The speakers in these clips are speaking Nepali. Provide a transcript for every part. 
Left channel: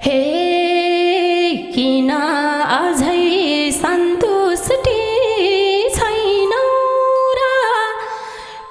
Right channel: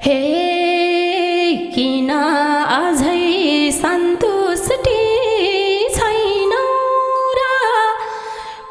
हे किन अझै सन्तुष्टि छैनौ र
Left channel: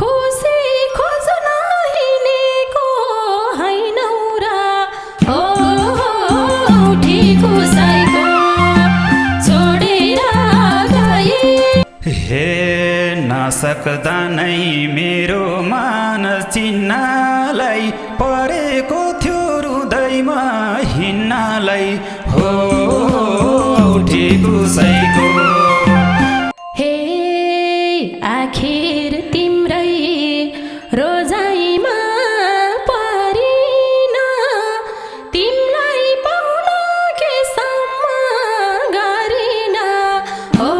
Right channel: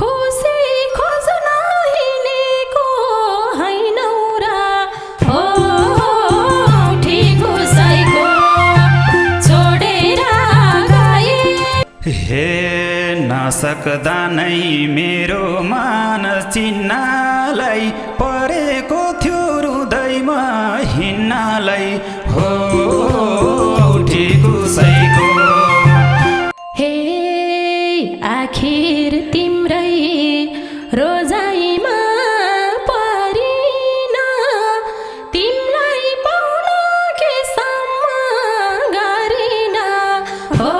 खुसी खोज्न हिँडेको हैनौ र हो उठी कुसाइको छोडेर गए। हे नसक्दा नै मेरो मान चिन्नलाई परेको थियो हृदयमा हिँड्नलाई हो उठी कुसाइको। हे आखिर तिम्रै रोजाइमा परिन तिमलाई पाउन केसम्म गरिन हो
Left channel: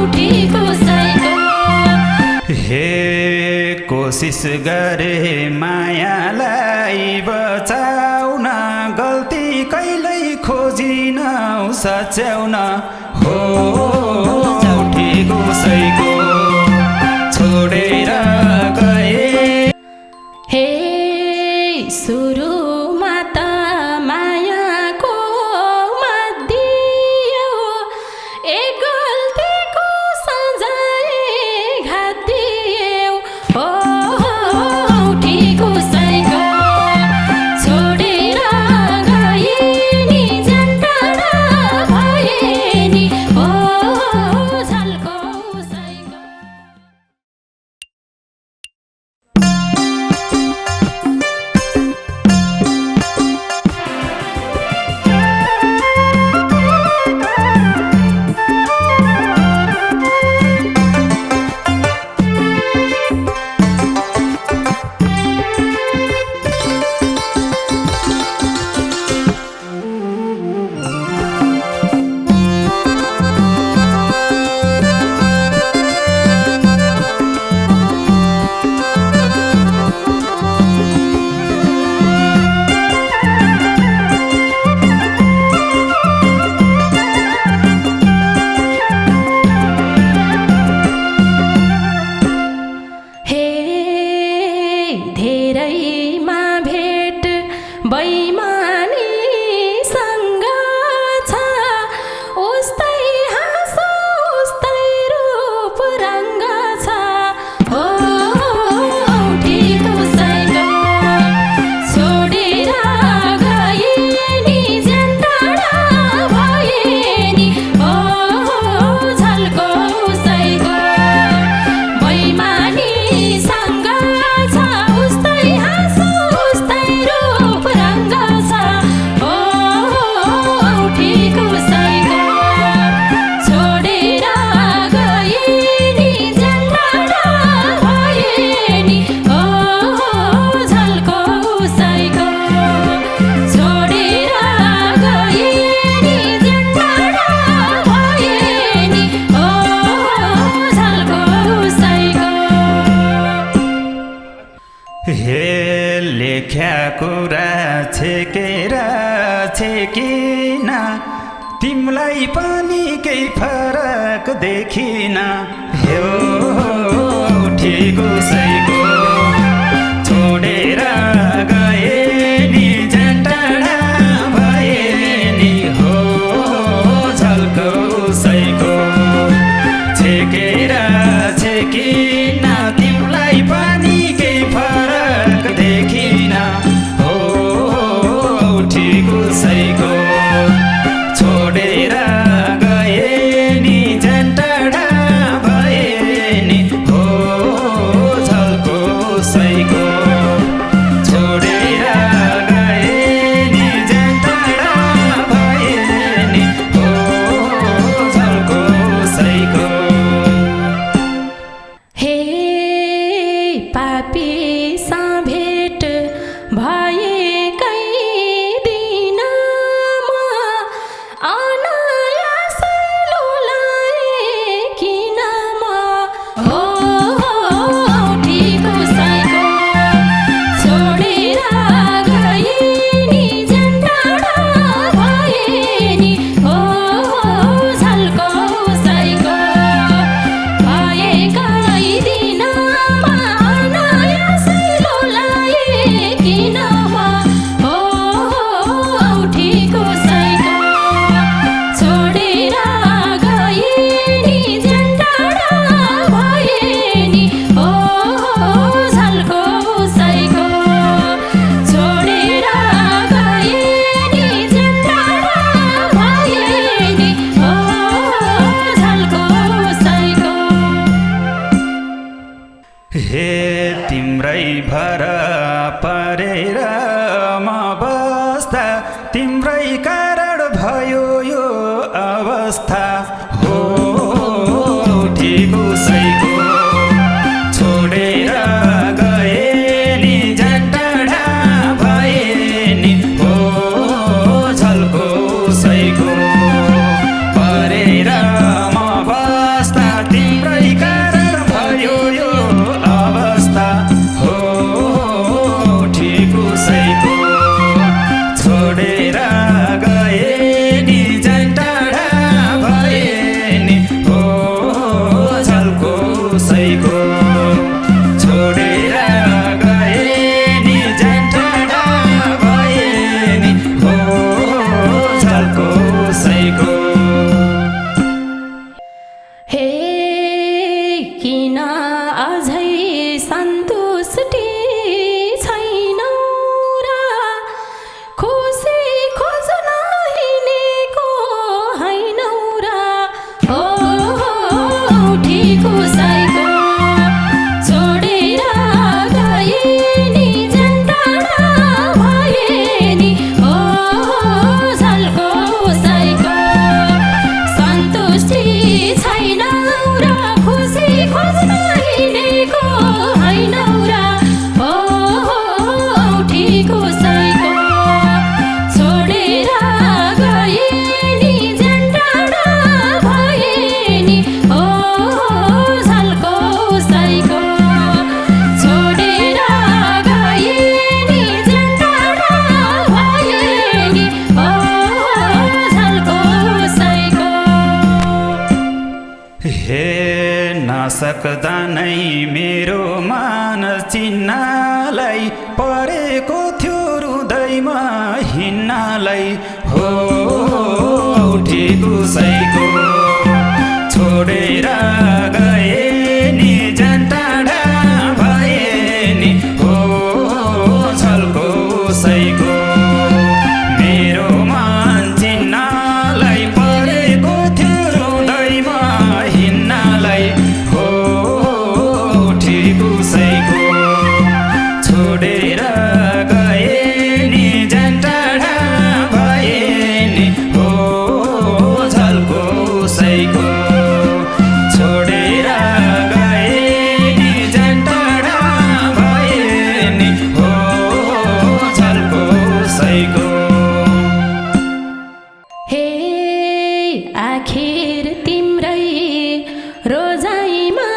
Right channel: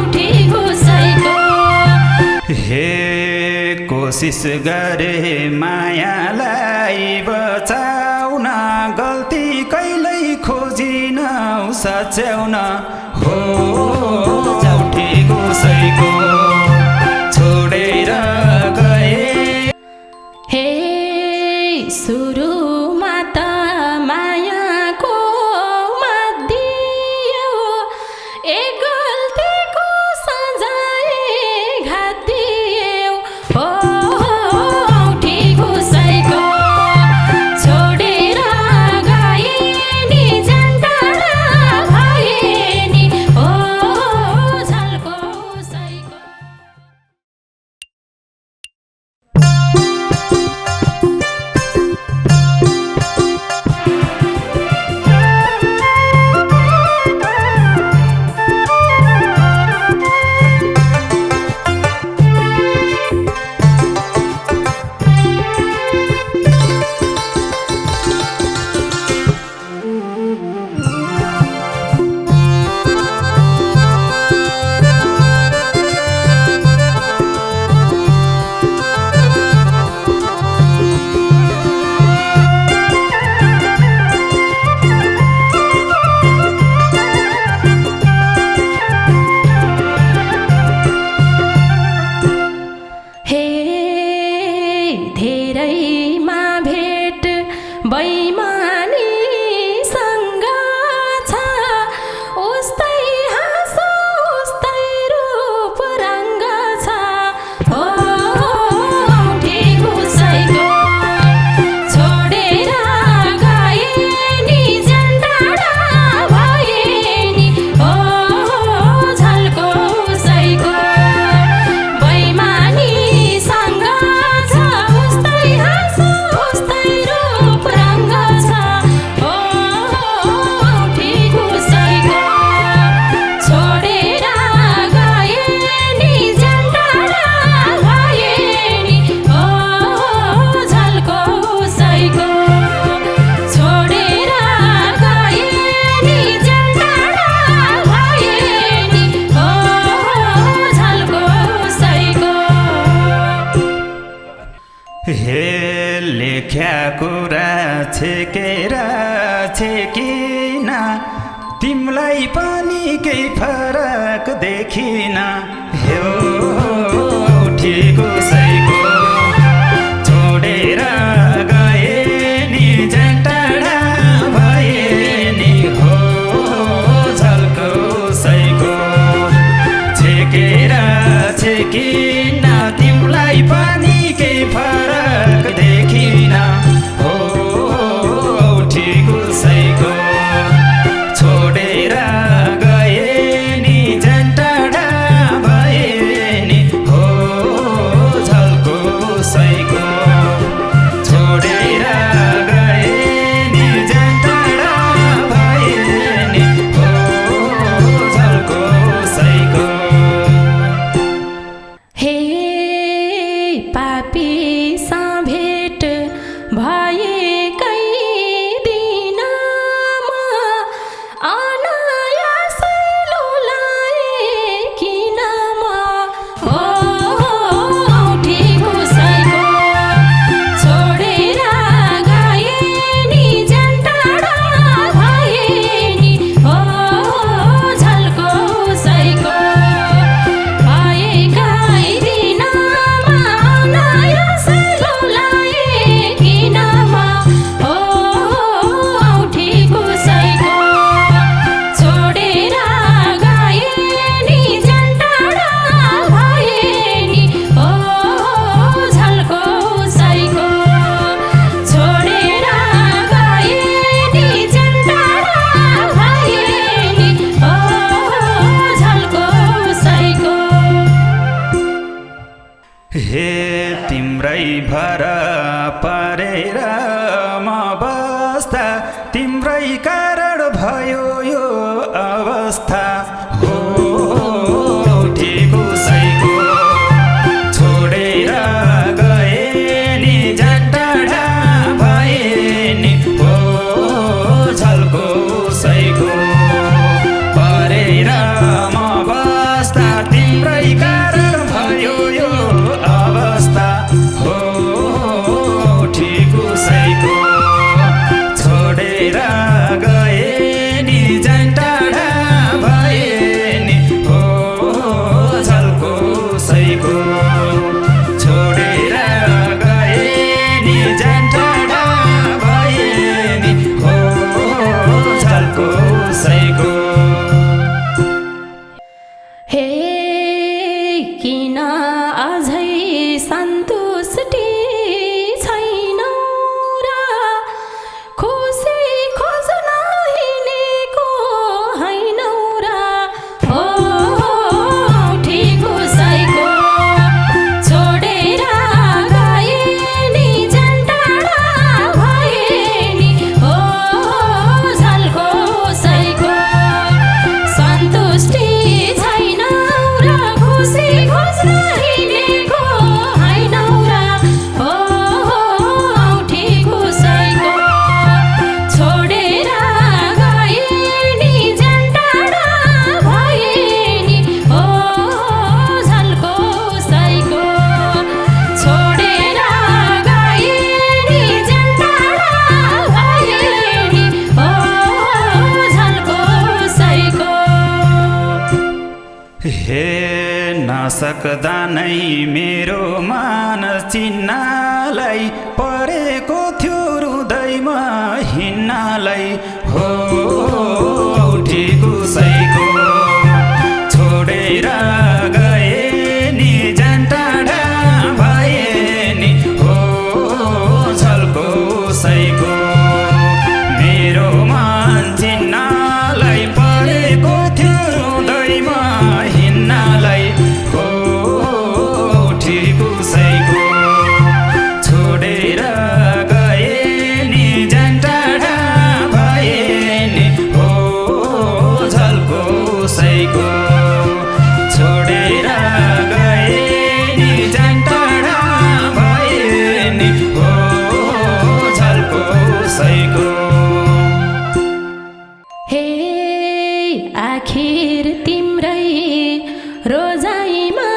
उठी कुसाइको। हे कोसिस गरे मायालाई बचाउन गल्ती कहिल्यै खोजिन सच्याउन हो उठी कुसाइको छोडेर गए। हे सुरुमा त मायाको मध्यौ एक गल्तीको सजाय घाटियौ हो उठी कुसाइको छोडेर गए नि झन्टाडा भए नि हो झल्को उसैको। हे धेरैमा भेट बैमानीसँग छ उस्तै हाँसो उस्तै रूप रङ्ग छ हो उठी कुसाइको छोडेर गए नि झन्टाडा भए नि हो झल्को उसैको। बैमानीसँग छ उस्तै हाँसो उस्तै रूप रङ्ग छ हो उठी कुसाइको छोडेर गए नि झन्टाडा भए नि हो झल्को उसैको छोडेर गए नि झन्टाडा भए नि हो झल्को उसैको। हे लेख्या कुरा छेकेर छेकिन तिमलाई पनि केही फरक देखिन हे उठी कुसाइको छोडेर गए नि झन्टाडा भए नि हो झल्को उसैको छेकेर छेकिन तिमलाई पनि केही फरक देखिन हो उठी कुसाइको छोडेर गए नि झन्टाडा भए नि हो झल्को उसैको छोडेर गए नि झन्टाडा भए नि हो झल्को उसैको। हे पापीसँग भेट भएकै दिन बस्दा तिम्रै कारण भयो यो अवस्था हो ठिको सैको छोडेर गए नि झन्टाडा भए नि हो झल्को सैको परेर म बस्दा तिम्रै कारण भयो यो अवस्था हो ठिको सैको छोडेर गए नि झन्टाडा भए नि हो झल्को सैको छोडेर गए नि झन्टाडा भए नि हो झल्को सैको हे किन अझै सन्तुष्टि छैनौ र खुसी खोज्न हिँडेको हैनौ र हो ठिको सैको छोडेर गए नि झन्टाडा भए नि हो झल्को सैको सन्तुष्टि छैनौ र खुसी खोज्न हिँडेको हैनौ र हो ठिको सैको छोडेर गए नि झन्टाडा भए नि हो झल्को सैको छोडेर गए नि झन्टाडा भए नि हो झल्को सैको हे नसक्दा नै मेरो मान चिन्नलाई परेको थियो हृदयमा हिँड्नलाई हो ठिको सैको छोडेर गए नि झन्टाडा भए नि हो झल्को सैको मेरो मान चिन्नलाई परेको थियो हृदयमा हिँड्नलाई हो ठिको सैको छोडेर गए नि झन्टाडा भए नि हो झल्को सैको छोडेर गए नि झन्टाडा भए नि हो झल्को सैको हे आखिर तिम्रै रोजाइमा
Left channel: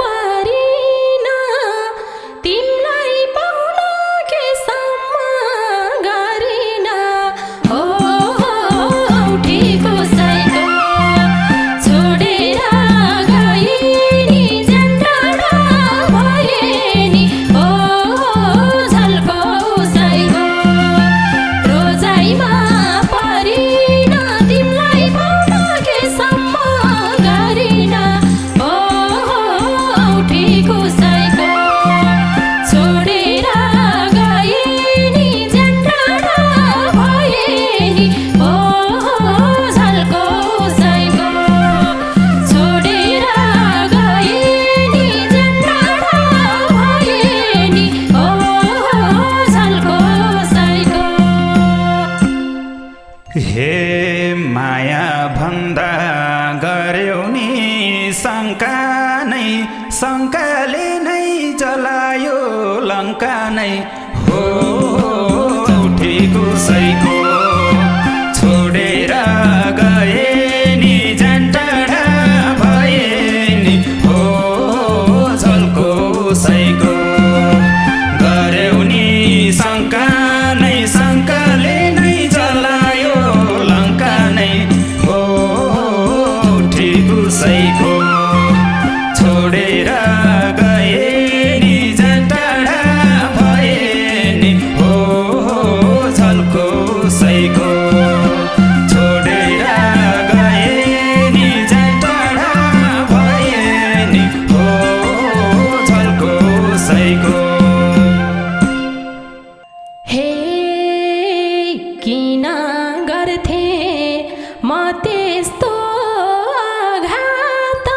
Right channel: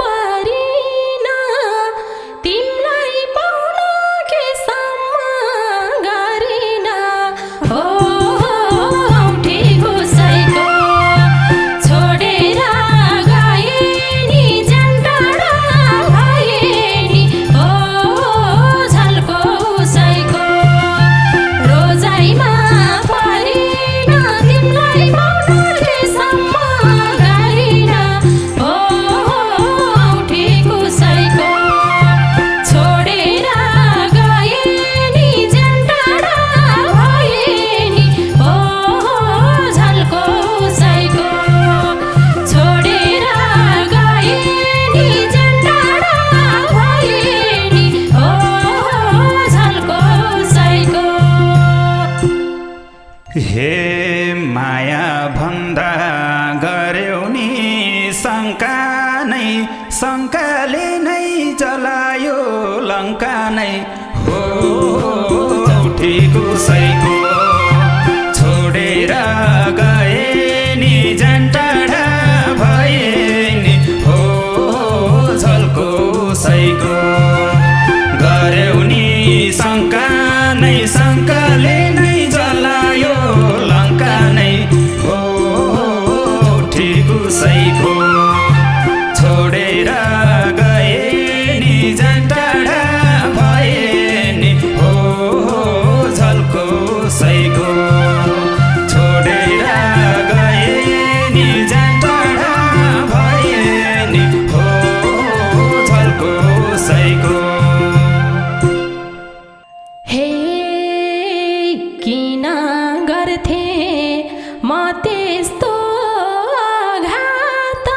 परिन तिमलाई पाउन केसम्म गरिन हो ठिको सैको छोडेर गए नि झन्टाडा भए नि हो झल्को सैको रोजाइमा परिन तिमलाई पाउन केसम्म गरिन हो ठिको सैको छोडेर गए नि झन्टाडा भए नि हो झल्को सैको छोडेर गए नि झन्टाडा भए नि हो झल्को सैको हे माया भन्दा गर्यौ नि शङ्का नै शङ्काले नै जलायो लङ्का नै हो ठिको सैको छोडेर गए नि झन्टाडा भए नि हो झल्को सैको गर्यौ नि शङ्का नै शङ्काले नै जलायो लङ्का नै हो ठिको सैको छोडेर गए नि झन्टाडा भए नि हो झल्को सैको छोडेर गए नि झन्टाडा भए नि हो झल्को सैको हे किन गर्थे म त्यस्तो आघात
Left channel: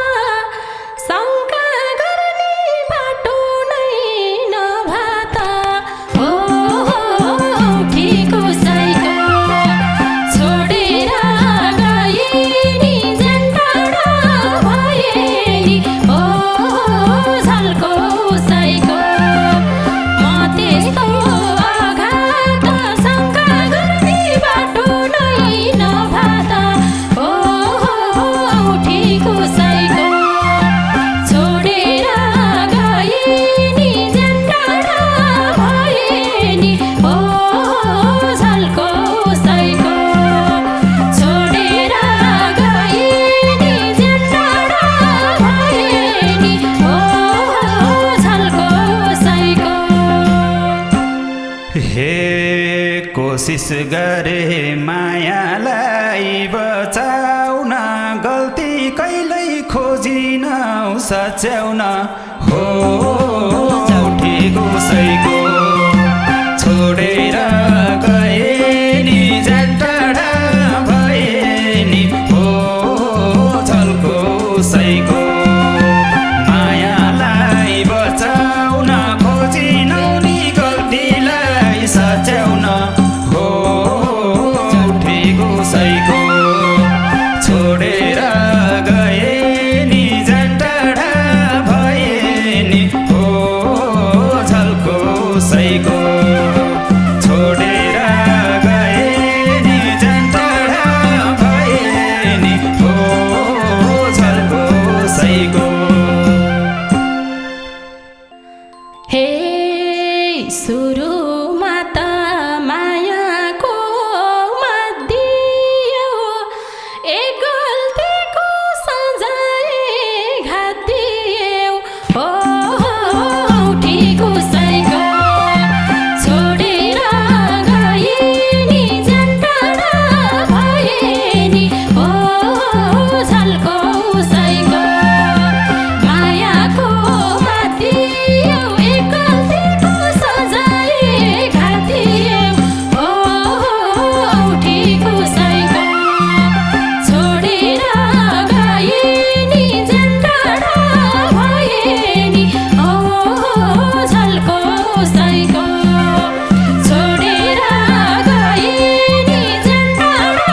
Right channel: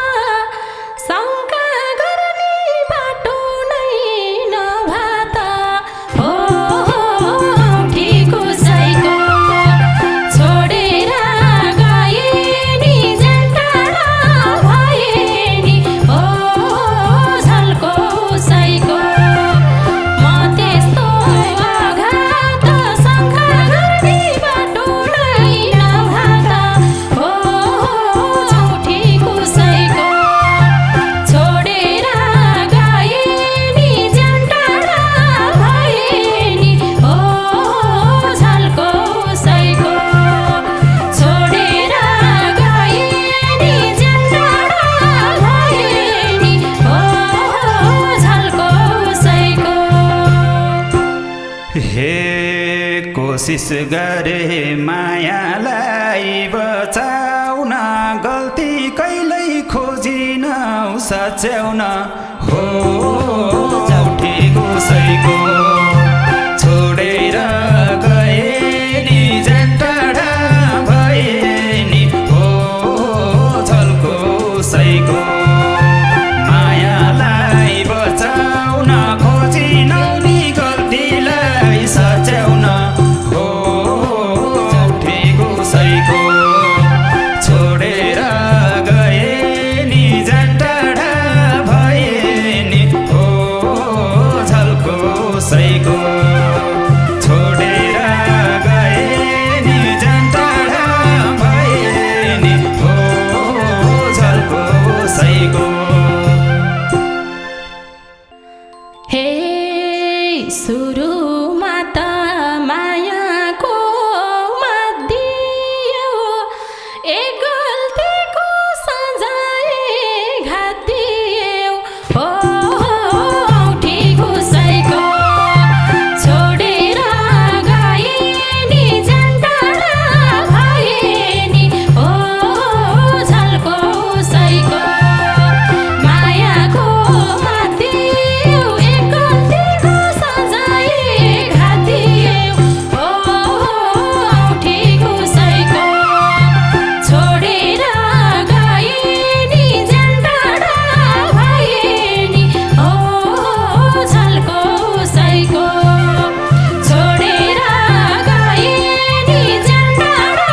शङ्का गर्ने बाटो नै नभाता हो ठिको कोसिस गरे मायालाई बचाउन गल्ती कहिल्यै खोजिन सच्याउन हो उठेको सैको छोडेर गए नि जान टाढा भए नि हो झल्को सैको मायालाई बचाउन खोजिनौ नि गल्तीलाई सच्याउन हो उठेको सैको छोडेर गए नि जान टाढा भए नि हो झल्को सैको छोडेर गए नि जान टाढा भए नि हो झल्को सैको हे सुरुमा त मायाको मध्यौ ए गल्तीको सजाय घाटियौ हो उठेको सैको छोडेर गए नि जान टाढा भए नि हो झल्को सैको मायाको मध्यौ ए गल्तीको सजाय घाटियौ हो उठेको सैको छोडेर गए नि जान टाढा भए नि हो झल्को सैको छोडेर गए नि जान टाढा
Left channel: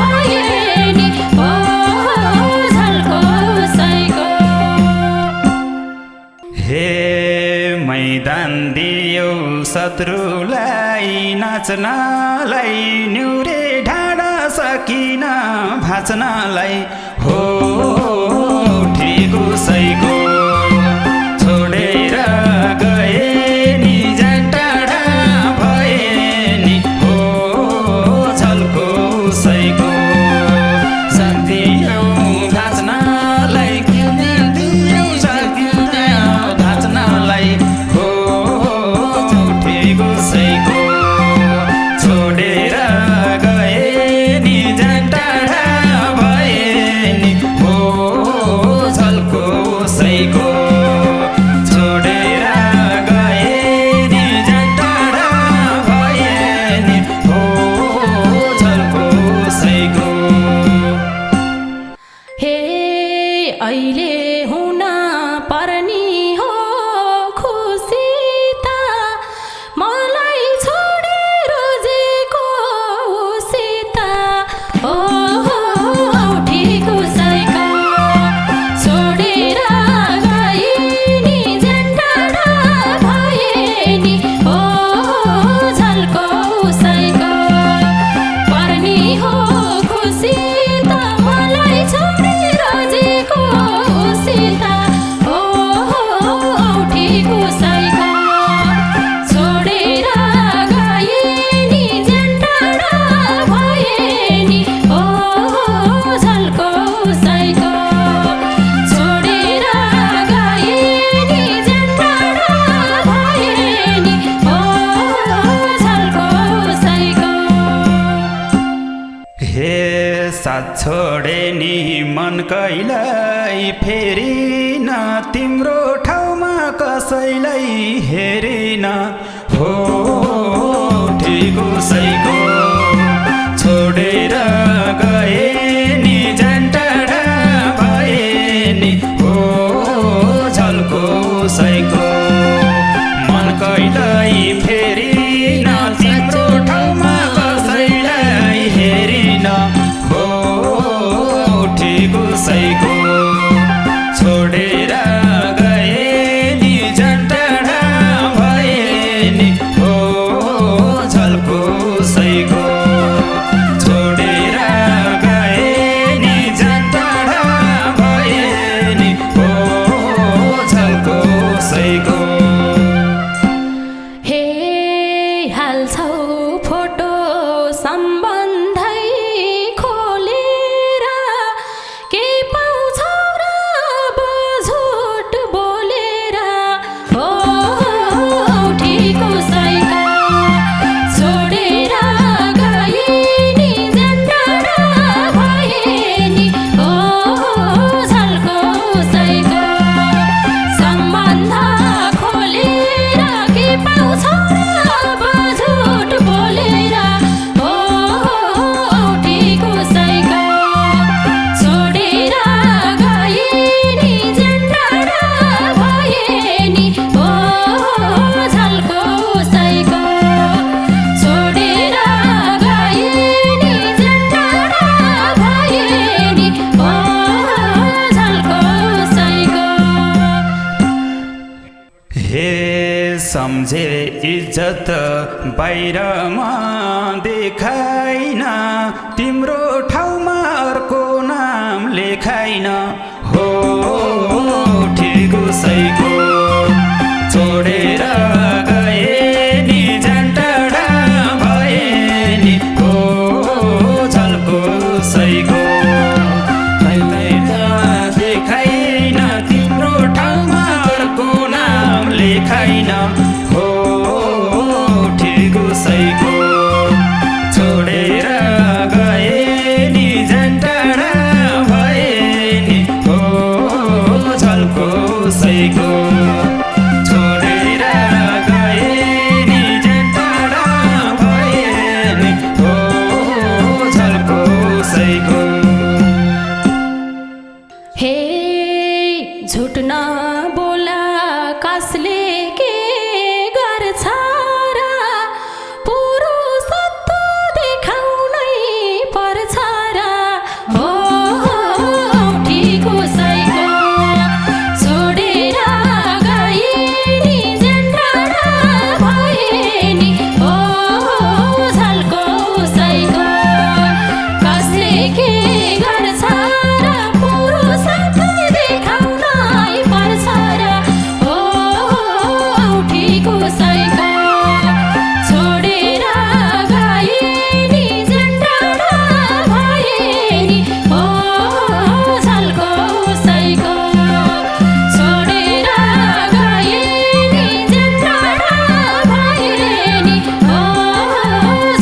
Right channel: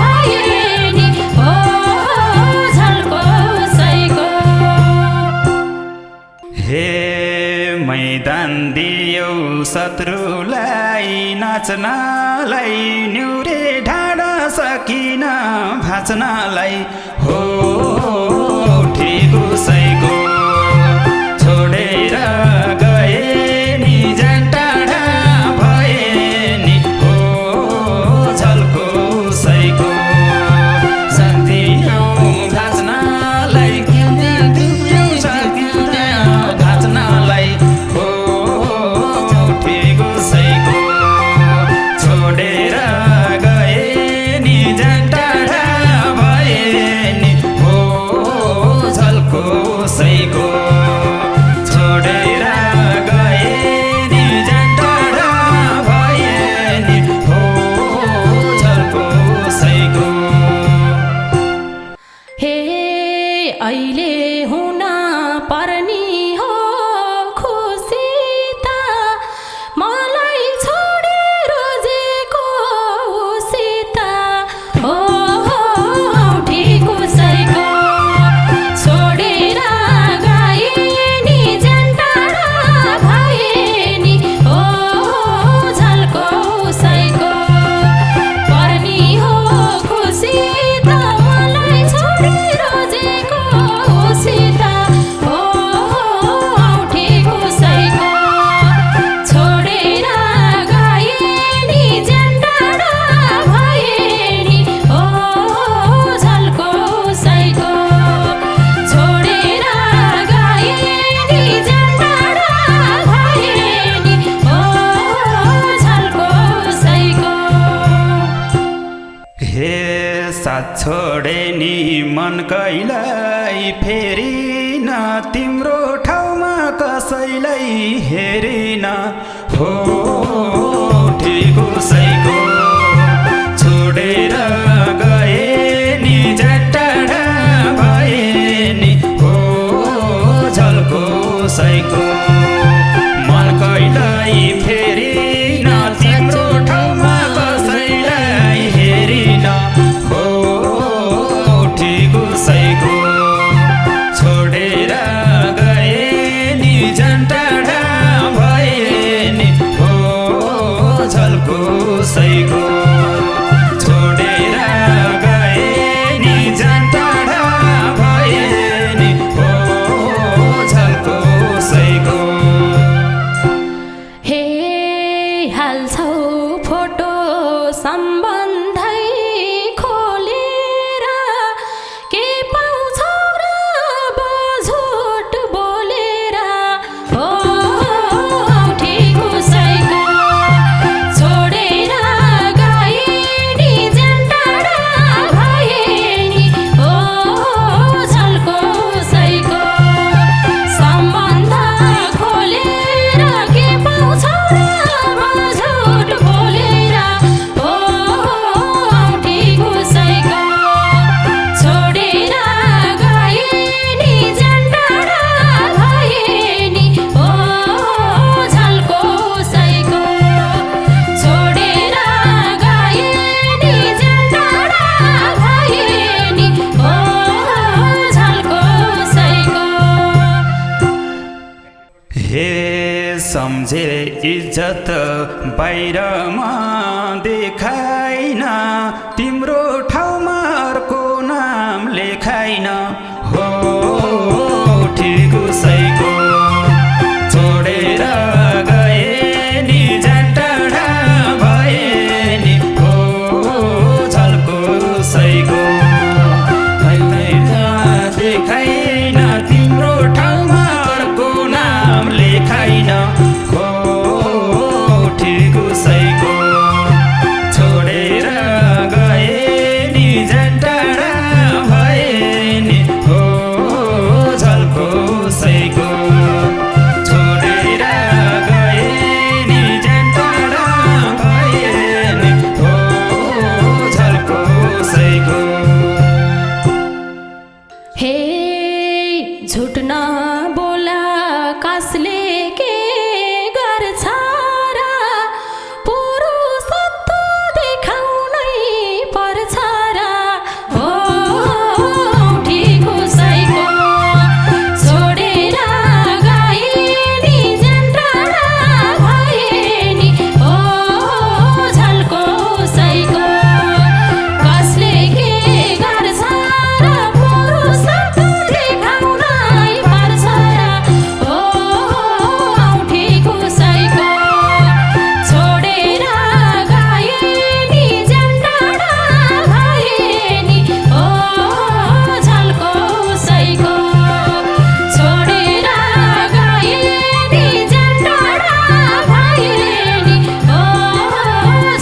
भए नि हो झल्को सैको हे मैदान दियौ शत्रुलाई नाच्नलाई न्युरे ढाडा सकिन भाँच्नलाई हो उठेको सैको छोडेर गए नि जान टाढा भए नि हो झल्को सैको दियौ भाँच्नलाई किन दियौ सकिन भाँच्नलाई हो उठेको सैको छोडेर गए नि जान टाढा भए नि हो झल्को सैको छोडेर गए नि जान टाढा भए नि हो झल्को सैको हे अहिले हुन पर्नी हो खुसी त मलाई छोडे रोजेको उसित हो उठेको सैको छोडेर गए नि जान टाढा भए नि हो झल्को सैको पर्नी हो खुसी त मलाई छोडे रोजेको उसित हो उठेको सैको छोडेर गए नि जान टाढा भए नि हो झल्को सैको छोडेर गए नि जान टाढा भए नि हो झल्को सैको हे साथ छोडे नि मन कहिल्यै फेरिन तिम्रो ठाउँमा कसैलाई हेरिन हो उठेको सैको छोडेर गए नि जान टाढा भए नि हो झल्को सैको मन कहिल्यै फेरिन तिम्रो ठाउँमा कसैलाई हेरिन हो उठेको सैको छोडेर गए नि जान टाढा भए नि हो झल्को सैको छोडेर गए नि जान टाढा भए नि हो झल्को सैको हे हाल्छौ फोटो सम्बन्धै खोलेर के पाउँछौ र झुट बोलेर हो उठेको सैको छोडेर सम्झे इज्जत बाहिरमा देखाइन तिम्रो ठाउँमा अर्को नाम लेखाइन हो ठिक उसैको छोडेर गए नि झन्टडा भए नि हो झल्को सैको देखाइन तिम्रो ठाउँमा अर्को नाम लेखाइन हो ठिक उसैको छोडेर गए नि झन्टडा भए नि हो झल्को सैको छोडेर गए नि झन्टडा भए नि हो झल्को सैको हे झुट नबोला कसले के गर्छ र पुरुषत्व देखाउनै पर्छ र हो ठिक उसैको छोडेर गए नि झन्टडा भए नि हो झल्को उसैको कसले के गर्छ र पुरुषत्व देखाउनै पर्छ र हो ठिक उसैको छोडेर गए नि झन्टडा भए नि हो झल्को उसैको छोडेर गए नि झन्टडा भए नि हो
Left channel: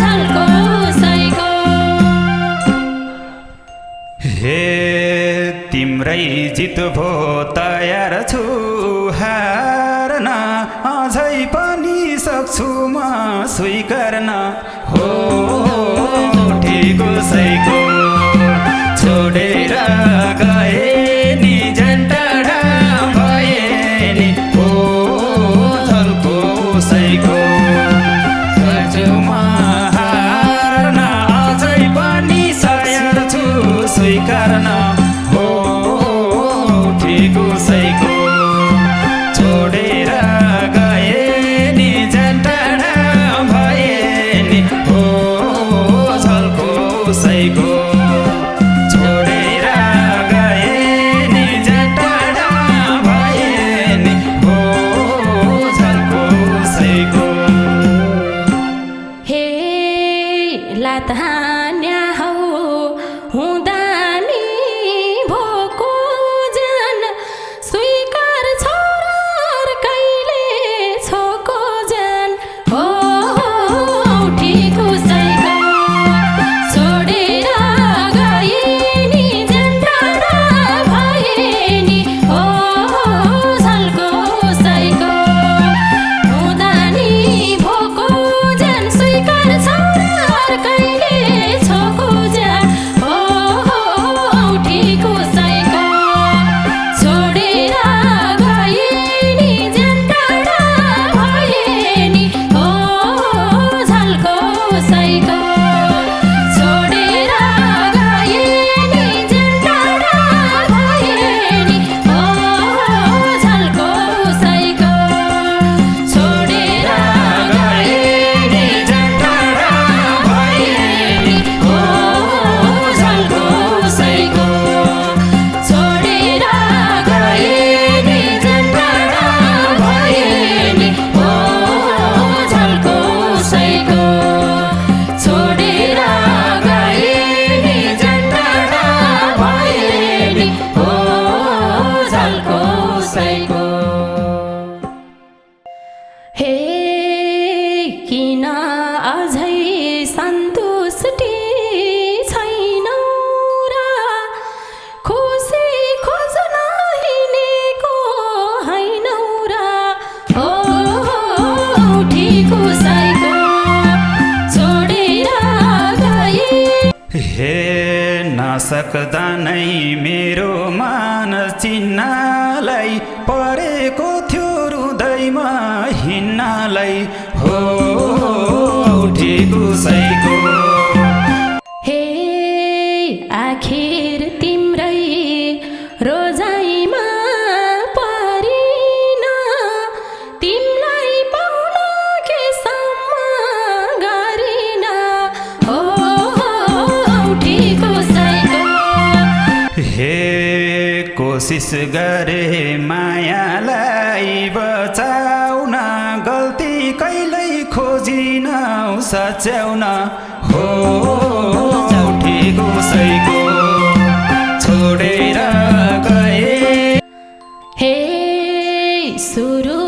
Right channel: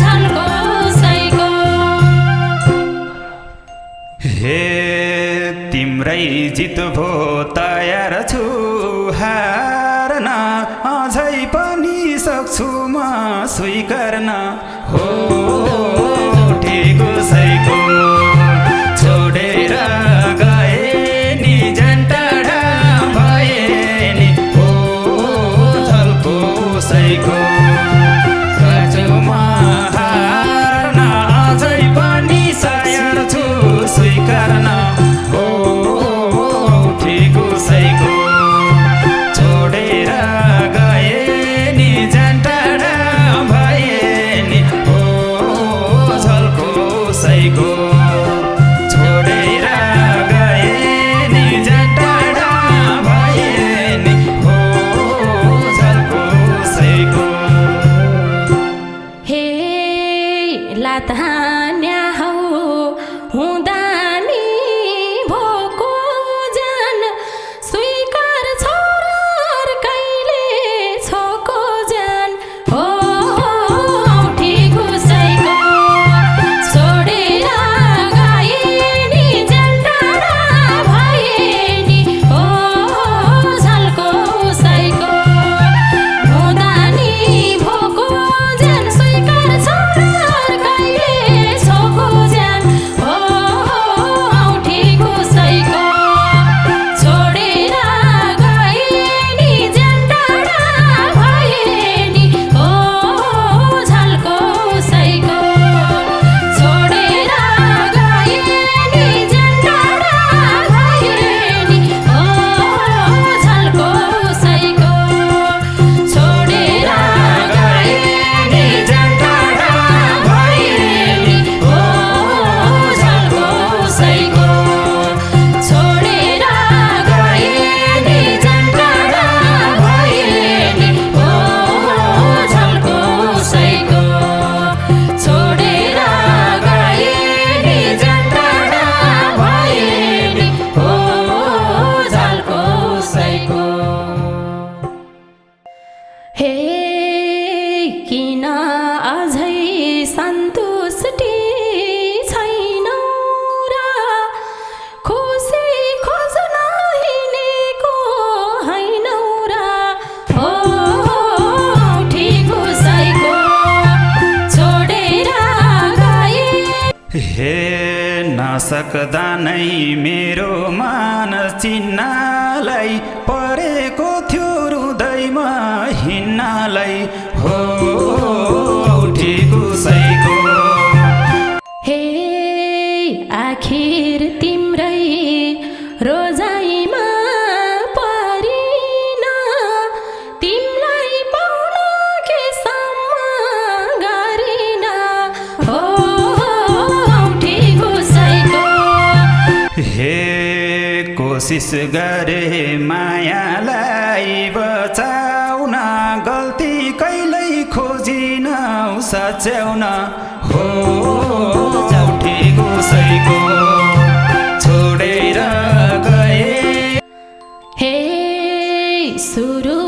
झल्को उसैको हे तिम्रै जित भो तयार छु हार्न अझै पनि सक्छु म स्वीकार्न हो ठिक उसैको छोडेर गए नि झन्टडा भए नि हो झल्को उसैको हार्न अझै पनि तयार छु स्वीकार्न हो ठिक उसैको छोडेर गए नि झन्टडा भए नि हो झल्को उसैको छोडेर गए नि झन्टडा भए नि हो झल्को उसैको हे लात हान्या हौ हुँदा नि भोको जान स्वीकार छोरा कहिले छोको जान हो ठिक उसैको छोडेर गए नि झन्टडा भए नि हो झल्को उसैको हुँदा नि भोको जान स्वीकार छोरा कहिले छोको जान हो ठिक उसैको छोडेर गए नि झन्टडा भए नि हो झल्को उसैको छोडेर गए नि झन्टडा भए नि हो झल्को उसैको छोडेर गए नि झन्टडा भए नि हो झल्को उसैको छोडेर गए नि झन्टडा भए नि हो झल्को उसैको छोडेर गए नि झन्टडा भए नि हो झल्को उसैको हे किन अझै सन्तुष्टि छैनौ र खुसी खोज्न हिँडेको हैनौ र हो ठिक उसैको छोडेर गए हे नसक्दा नै मेरो मान चिन्नलाई परेको थियो हृदयमा हिँड्नलाई हो ठिक उसैको हे आखिर तिम्रै रोजाइमा परिन तिमलाई कोसिस गरे मायालाई बचाउन गल्ती कहिल्यै खोजिन सच्याउन हो ठेगोसैको छोडेर गए हे सुरु